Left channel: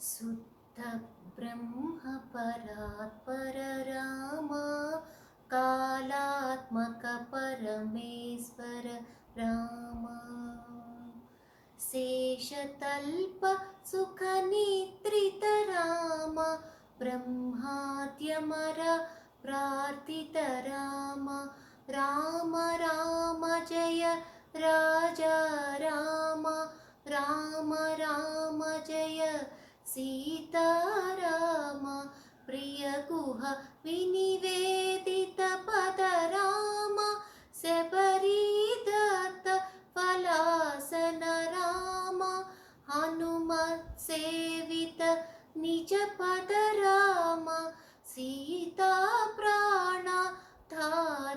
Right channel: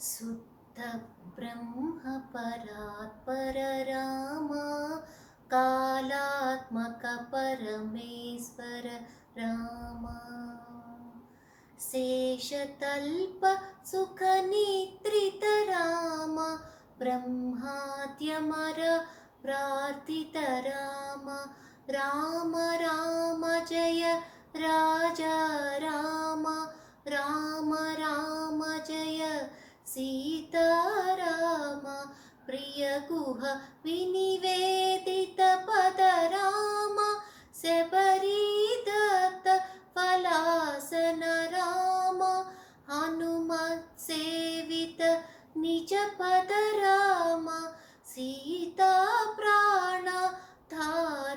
सुप्त ब्रह्म परात्पर रामा कालात्मक परमेश्वर रामा शेषतल्प सुखनिद्रित राम ब्रह्माद्यमर प्रार्थित राम राम राम जय राजा राम राम राम जय सीताराम प्रिय गुह विनिवेदित पद राम शबरीदत्त फलासन राम हनुमत् सेवित निज पद राम सीता प्राण धार